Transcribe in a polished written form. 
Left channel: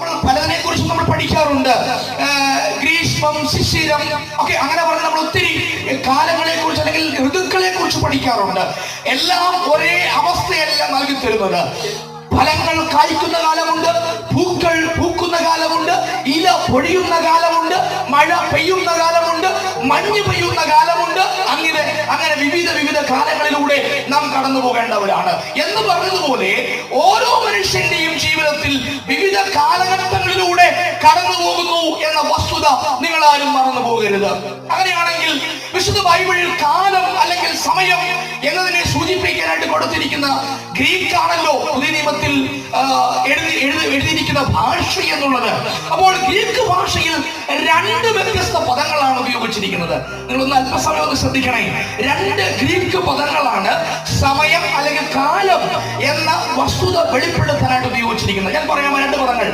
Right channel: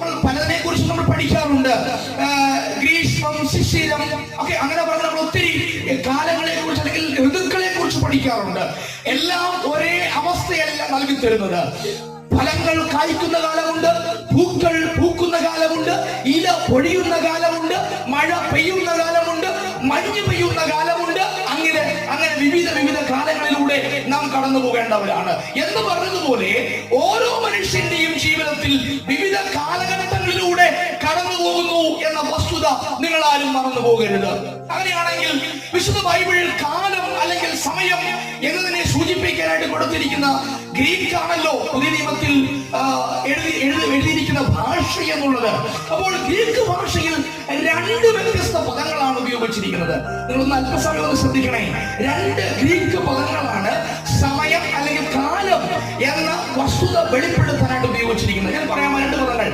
നമ്മൾ പലതിനെ കുറിച്ച് നമ്മൾ പഠിക്കാറുണ്ട്. ഗ്രീഷ്മം, ശിശിരം ഒക്കെ അങ്ങനെ പറഞ്ഞ് നമ്മൾ ഒത്തിരി കാലങ്ങളെ കുറിച്ച് അല്ലെങ്കിൽ ഋതുക്കളെ കുറിച്ച് പഠിക്കാറുണ്ട്. എല്ലാം ഒരേ അവസ്ഥയല്ല നൽകി തരുന്നത്. ഫലങ്ങൾ കായ്ക്കുന്ന കാലമുണ്ട്, പൂക്കൾ പൂക്കുന്ന കാലമുണ്ട്, ഇല പൊഴിയുന്ന കാലമുണ്ട്, മഴ പെയ്യുന്ന കാലമുണ്ട്, മഞ്ഞ് പെയ്യുന്ന കാലമുണ്ട്. അങ്ങനെ വിവിധ കാലങ്ങളിലൂടെ നാം കടന്നു പോകേണ്ടവരാണ്. എന്ന് പറഞ്ഞതുപോലെ ഓരോ മനുഷ്യന്റെയും ജീവിതത്തിൽ വിവിധ കാലഘട്ടങ്ങളിലൂടെ കടന്നു പോകുന്നു എന്ന വസ്തുത നിങ്ങൾ ആരും മറന്നു പോകരുത്. അങ്ങനെയാണെങ്കിൽ വിശുദ്ധ ബൈബിളിൽ കാലം അല്ലെങ്കിൽ സമയം എന്നതിനെ സൂചിപ്പിക്കാനായിട്ട് കൊടുത്തിരിക്കുന്ന ഗ്രീക്ക് ആണല്ലോ പുതിയ നിയമത്തിൽ എഴുതിയിരിക്കുന്ന ഭാഷ എന്നുള്ളത്. അപ്പോൾ ഗ്രീക്ക് ഭാഷയിൽ രണ്ട് വ്യത്യസ്ത പദങ്ങളാണ് ഉപയോഗിച്ചിരിക്കുന്നത്. നിങ്ങളൊന്ന് അല്പസമയം ഒന്ന് ശ്രദ്ധിക്കണേ. രണ്ട് ഗ്രീക്ക് പദങ്ങളാണ് സമയം അല്ലെങ്കിൽ കാലം എന്ന വസ്തുത വെളിപ്പെടുത്താനായിട്ട് ഉപയോഗിച്ചിരിക്കുന്നത്. ഞാൻ പറയാം രണ്ട് പദങ്ങൾ.